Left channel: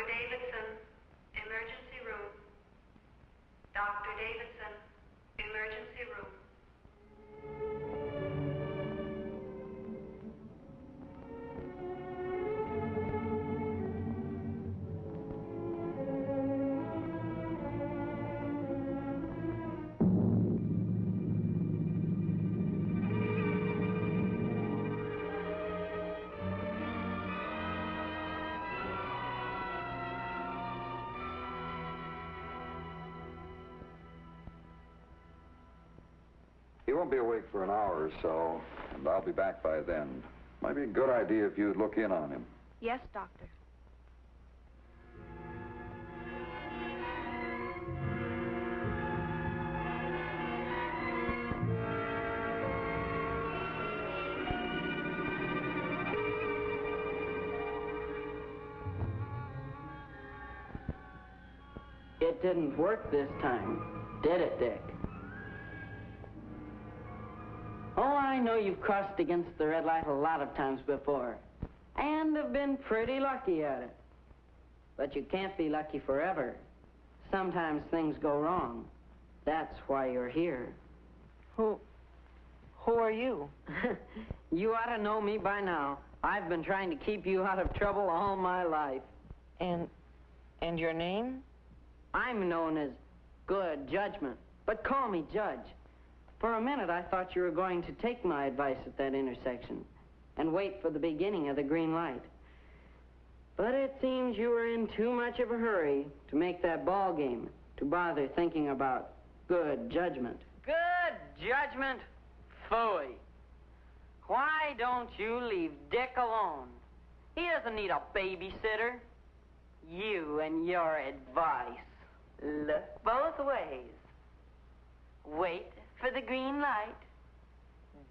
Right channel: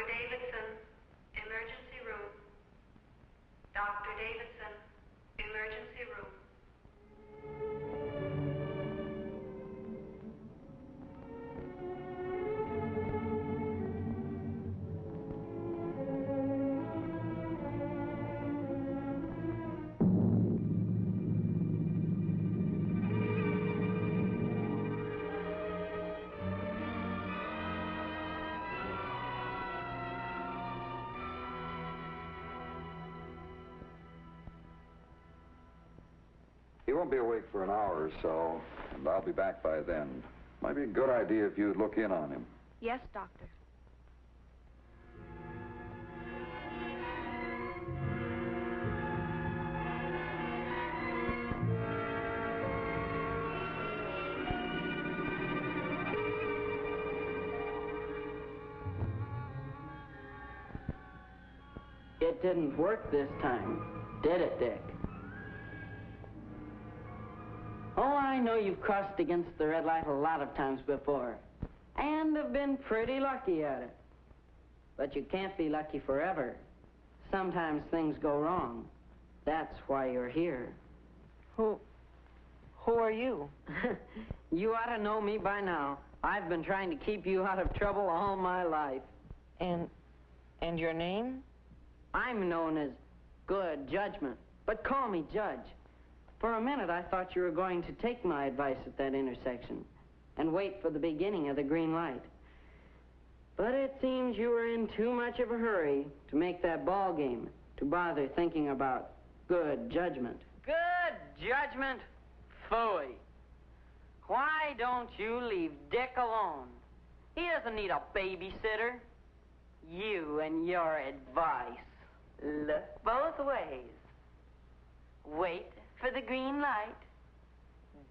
Dr. Davidson, emergency room. Dr. Davidson, emergency room. He won't be awake for an hour or so, and I'll be back by then. Might be a good idea if you'd look in on him. Yes, Doctor. It didn't work this time, did it, Dick? Oh, I know you've crossed against the red light a lot of times before, and have been pretty lucky at it. But you can't be lucky forever. Sometimes things go wrong. That's why you're here. Who are you? You ought to know me by now. I've been trying to keep you out of trouble all my life. And your name? I'm known as Good Judgment, but call me Judge. For a minute, I thought you were going to take my advice at that intersection and wait for the beginning of the green light. But it seems you were in too much of a hurry to make that ball game to bother thinking about good judgment. Good judgment? Phooey. Why don't you leave Dick alone? He doesn't need a babysitter. You and your advice. Look both ways. Wait for the green light.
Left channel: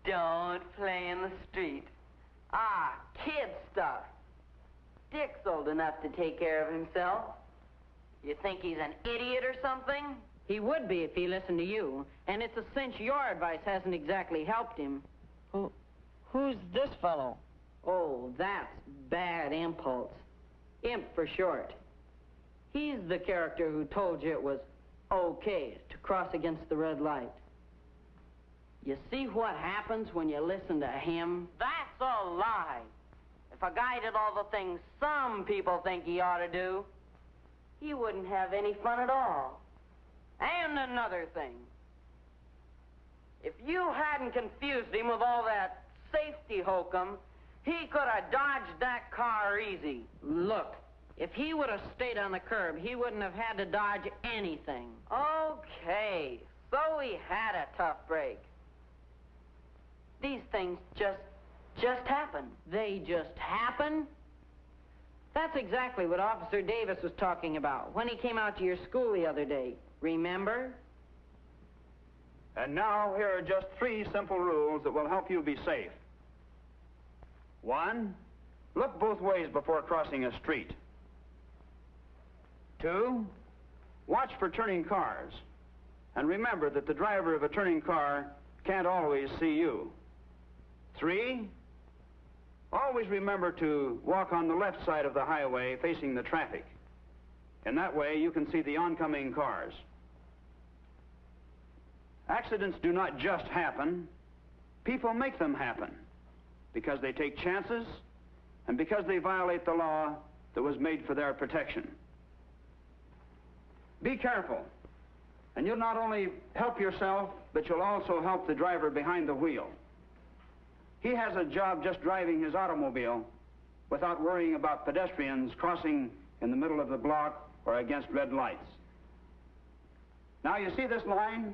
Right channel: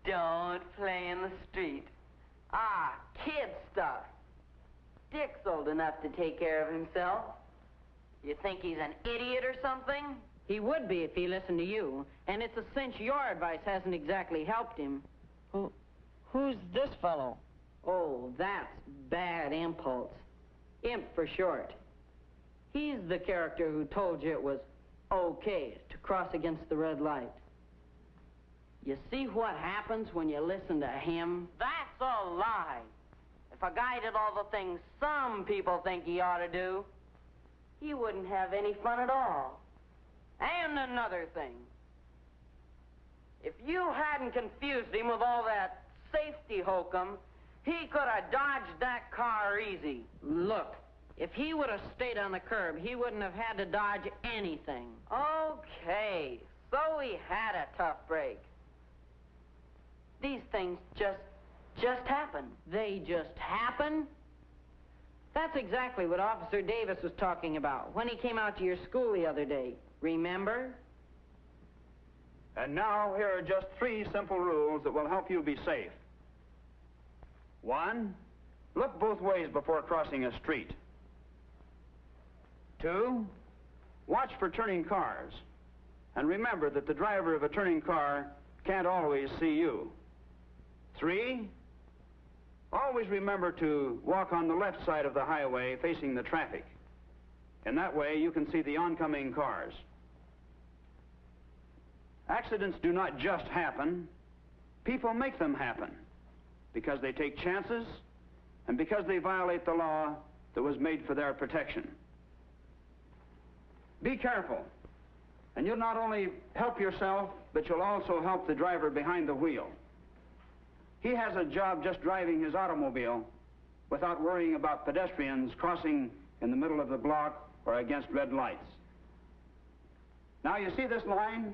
Don't play in the street. Ah, kid stuff. Dick's old enough to take care of himself. You think he's an idiot or something? He would be if he listened to you, and it's a cinch your advice hasn't exactly helped him. Who's this fellow? Oh, that's Bad Impulse. Imp for short. He's the character who told you it was okay to cross against the red light. You see what happens when you listen to him? That's a lie. If a guy did all the things some people think he ought to do, he wouldn't have any fun at all. And another thing. If you hadn't confused him with all that safety hokum, he could have dodged that car easy. Look, if he would have stayed on the curb, he wouldn't have had to dodge anything. Okay, so he had a tough break. These things just happen. They just happen? That's exactly what Officer Davis was talking about when he came out to your school the other day. Remember? And now, here are just 3 simple rules that will help you be safe. 1, look both ways before crossing a street. 2, watch for turning cars. And remember that the driver of a turning car can't always see you. 3, always remember to walk on the left side of the highway facing the traffic. In that way, you can see the oncoming cars. Accidents do not just happen. People make them happen because they take chances and because they violate the law that was made for their protection. Be careful, and you'll not only help yourself, but you'll also help the driver behind the wheel. He has a job just driving his automobile without worrying about pedestrians crossing in the middle of the block or against red lights. Now, you see this line?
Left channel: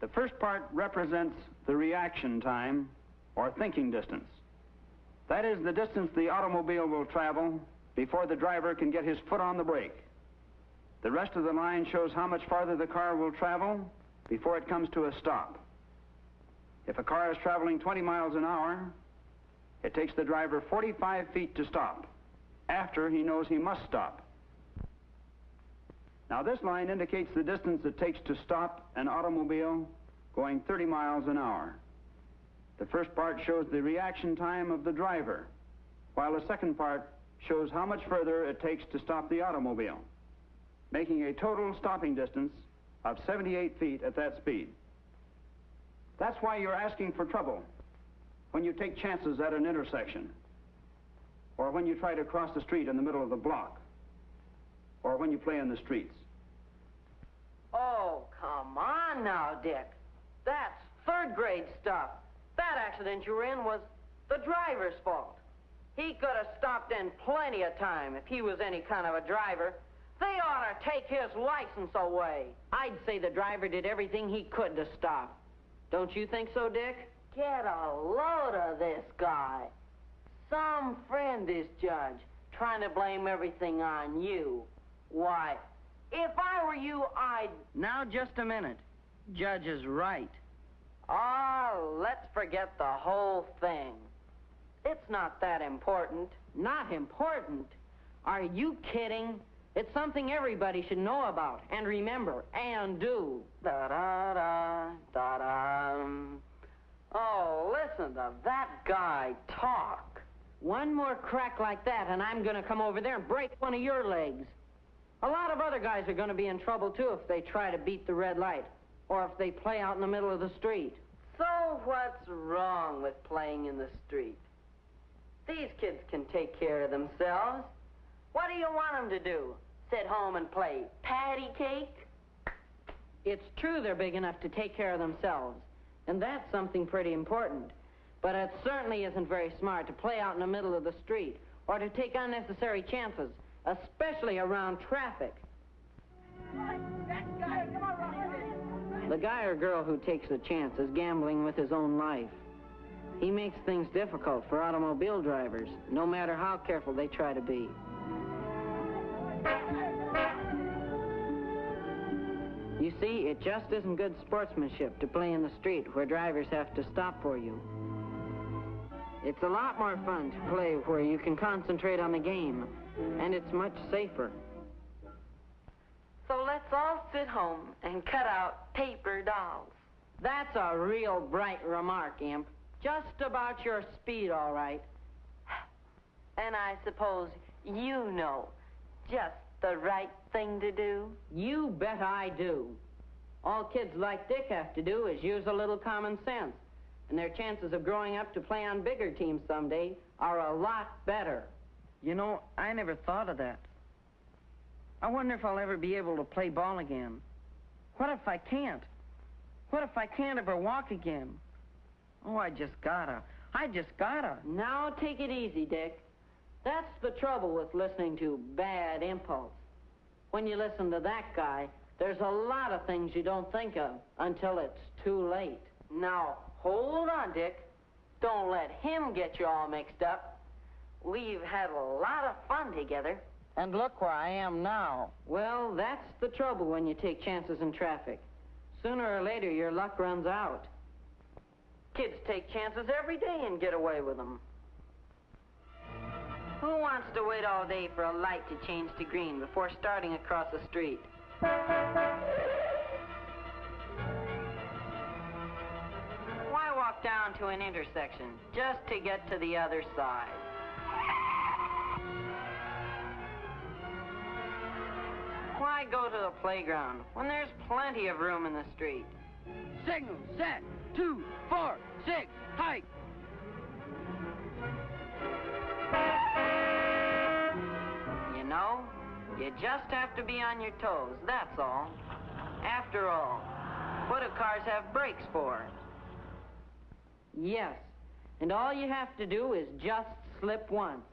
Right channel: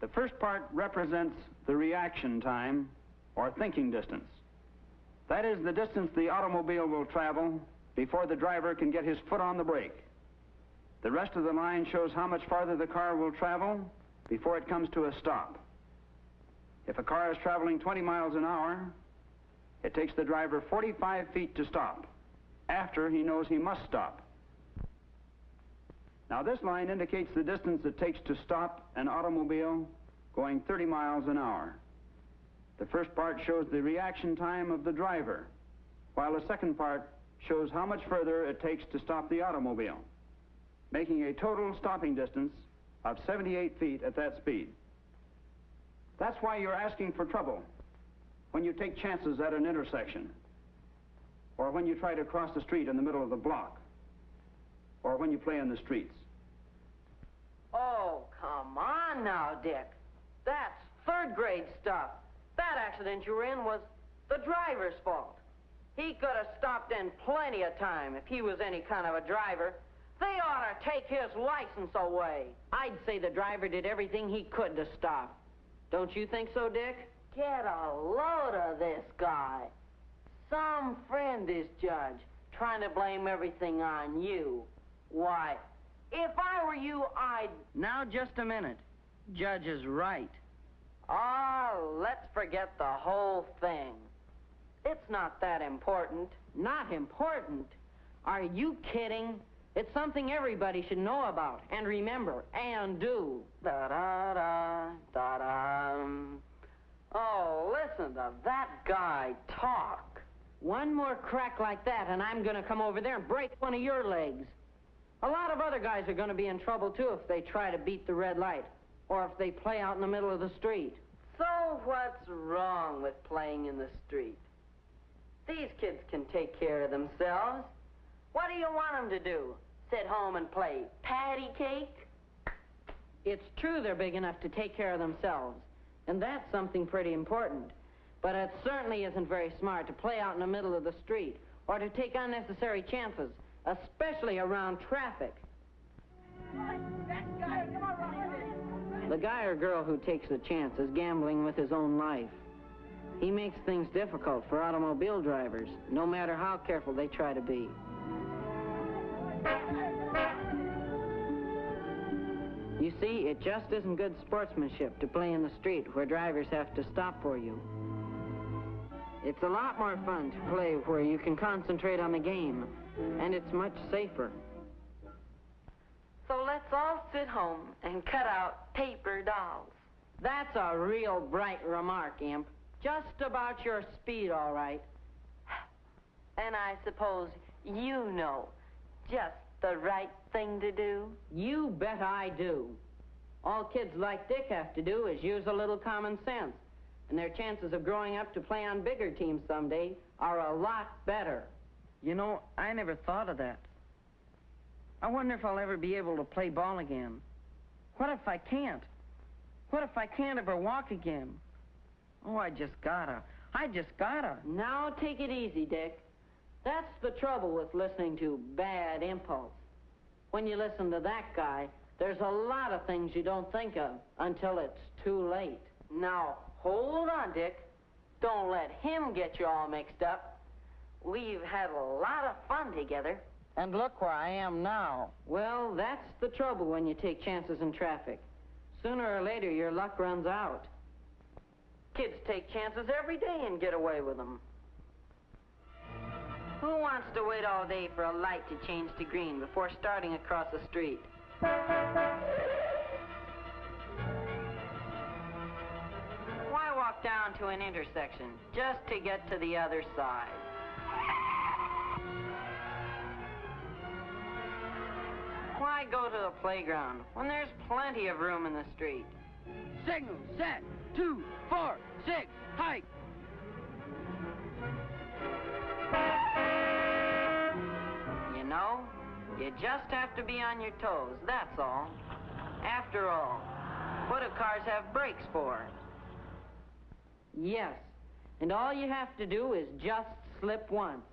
The first part represents the reaction time, or thinking distance. That is the distance the automobile will travel before the driver can get his foot on the brake. The rest of the line shows how much farther the car will travel before it comes to a stop. If a car is traveling 20 miles an hour, it takes the driver 45 feet to stop, after he knows he must stop. Now, this line indicates the distance it takes to stop an automobile going 30 miles an hour. The first part shows the reaction time of the driver, while the second part shows how much further it takes to stop the automobile, making a total stopping distance of 78 feet at that speed. That's why you're asking for trouble when you take chances at an intersection, or when you try to cross the street in the middle of the block, or when you play in the streets. Oh, come on now, Dick. That's third grade stuff. That accident you were in was the driver's fault. He could have stopped in plenty of time if he was any kind of a driver. They ought to take his license away. I'd say the driver did everything he could to stop. Don't you think so, Dick? Get a load of this guy. Some friend, this judge, trying to blame everything on you. Why, if I were you, I'd... Now, just a minute. Judge is right. Oh, let's forget the whole thing. It's not that important. Not important? Are you kidding? It's something everybody should know about, and remember, and do. Da-da-da, da-da. Oh, listen to that guy talk. One more crack like that, and I'm going to come over there and break one of your legs. A lot of other guys are going to be in trouble, too, if they try to beat the red light, or if they play out in the middle of the street. So what's wrong with playing in the street? These kids can take care of themselves. What do you want them to do? Sit home and play patty cake? It's true they're big enough to take care of themselves, and that's something pretty important. But it certainly isn't very smart to play out in the middle of the street or to take unnecessary chances, especially around traffic. The guy or girl who takes a chance is gambling with his own life. He makes things difficult for automobile drivers, no matter how careful they try to be. You see, it just isn't good sportsmanship to play in the street where drivers have to stop for you. It's a lot more fun to play where you can concentrate on the game, and it's much safer. So let's all sit home and cut out paper dolls. That's a real bright remark, Imp. Just about your speed, all right. And I suppose you know just the right thing to do? You bet I do. All kids like Dick have to do is use a little common sense, and their chances of growing up to play on bigger teams someday are a lot better. You know, I never thought of that. I wonder if I'll ever be able to play ball again. What if I can't? What if I can't ever walk again? Oh, I just gotta. Now take it easy, Dick. That's the trouble with listening to Bad Impulse. When you listen to that guy, there's a lot of things you don't think of until it's too late. Now, hold on, Dick. Don't let him get you all mixed up. We've had a lot of fun together. And look where I am now. Well, that's the trouble when you take chances in traffic. Sooner or later, your luck runs out. Kids take chances every day and get away with them. Who wants to wait all day for a light to change to green before starting across the street? Why walk down to an intersection just to get to the other side? Why go to the playground when there's plenty of room in the street? Signal, set, 2, 4, 6, hike. You know, you just have to be on your toes, that's all. After all, what do cars have brakes for? Yes, and all you have to do is just slip once.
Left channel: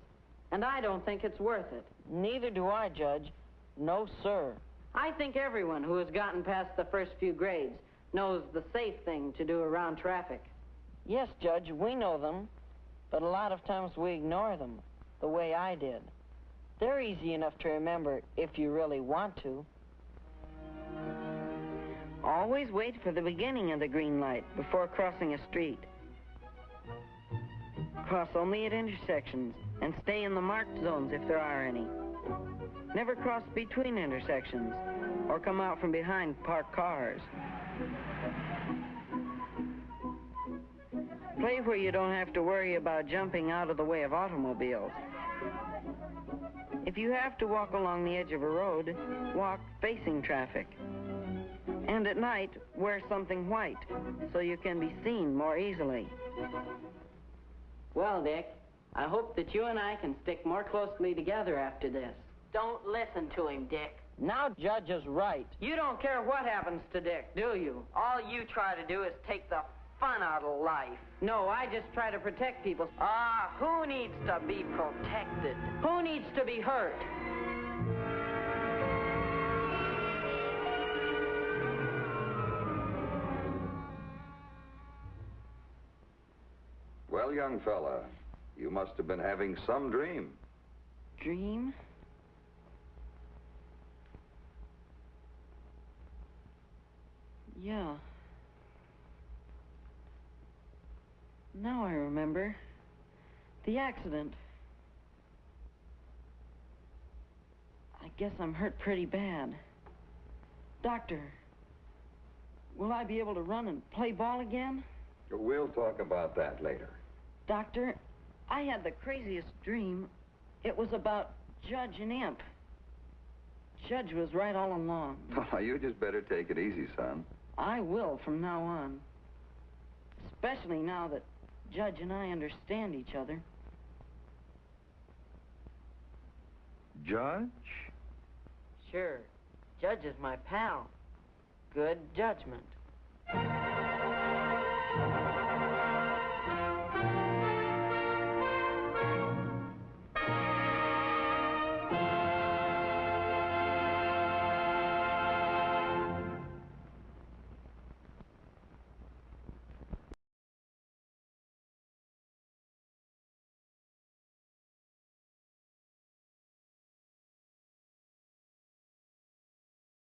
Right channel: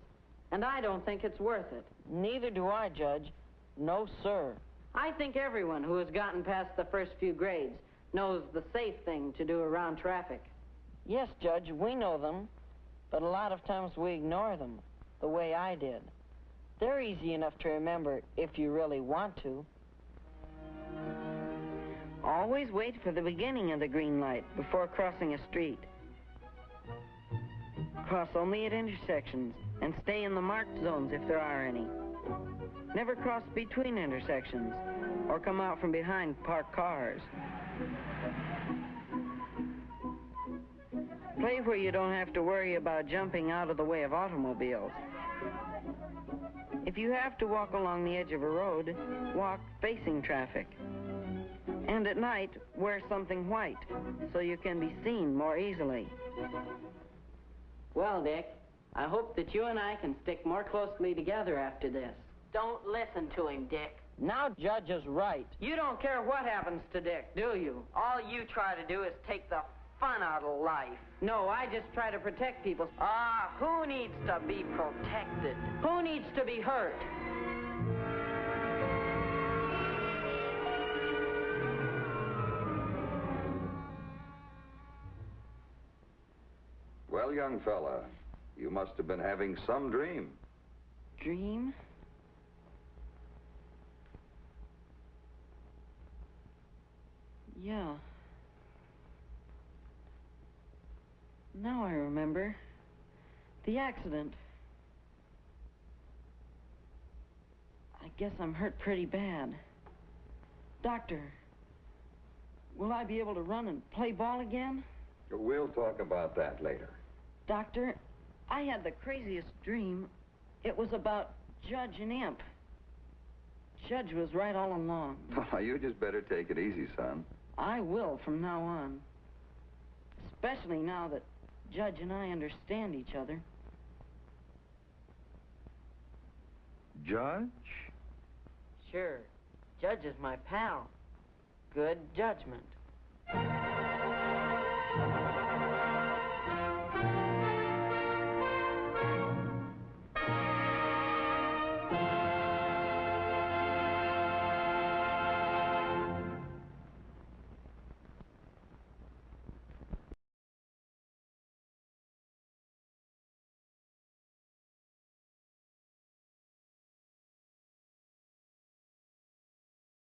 And I don't think it's worth it. Neither do I, Judge. No, sir. I think everyone who has gotten past the first few grades knows the safe thing to do around traffic. Yes, Judge, we know them, but a lot of times we ignore them, the way I did. They're easy enough to remember if you really want to. Always wait for the beginning of the green light before crossing a street. Cross only at intersections and stay in the marked zones if there are any. Never cross between intersections or come out from behind parked cars. Play where you don't have to worry about jumping out of the way of automobiles. If you have to walk along the edge of a road, walk facing traffic. And at night, wear something white so you can be seen more easily. Well, Dick, I hope that you and I can stick more closely together after this. Don't listen to him, Dick. Now Judge is right. You don't care what happens to Dick, do you? All you try to do is take the fun out of life. No, I just try to protect people. Who needs to be protected? Who needs to be hurt? Well, young fella, you must have been having some dream. Dream? Yeah. Now I remember. The accident. I guess I'm hurt pretty bad. Doctor, will I be able to run and play ball again? We'll talk about that later. Doctor, I had the craziest dream. It was about Judge and Imp. Judge was right all along. Well, you just better take it easy, son. I will from now on. Especially now that Judge and I understand each other. Judge? Sure. Judge is my pal. Good judgment.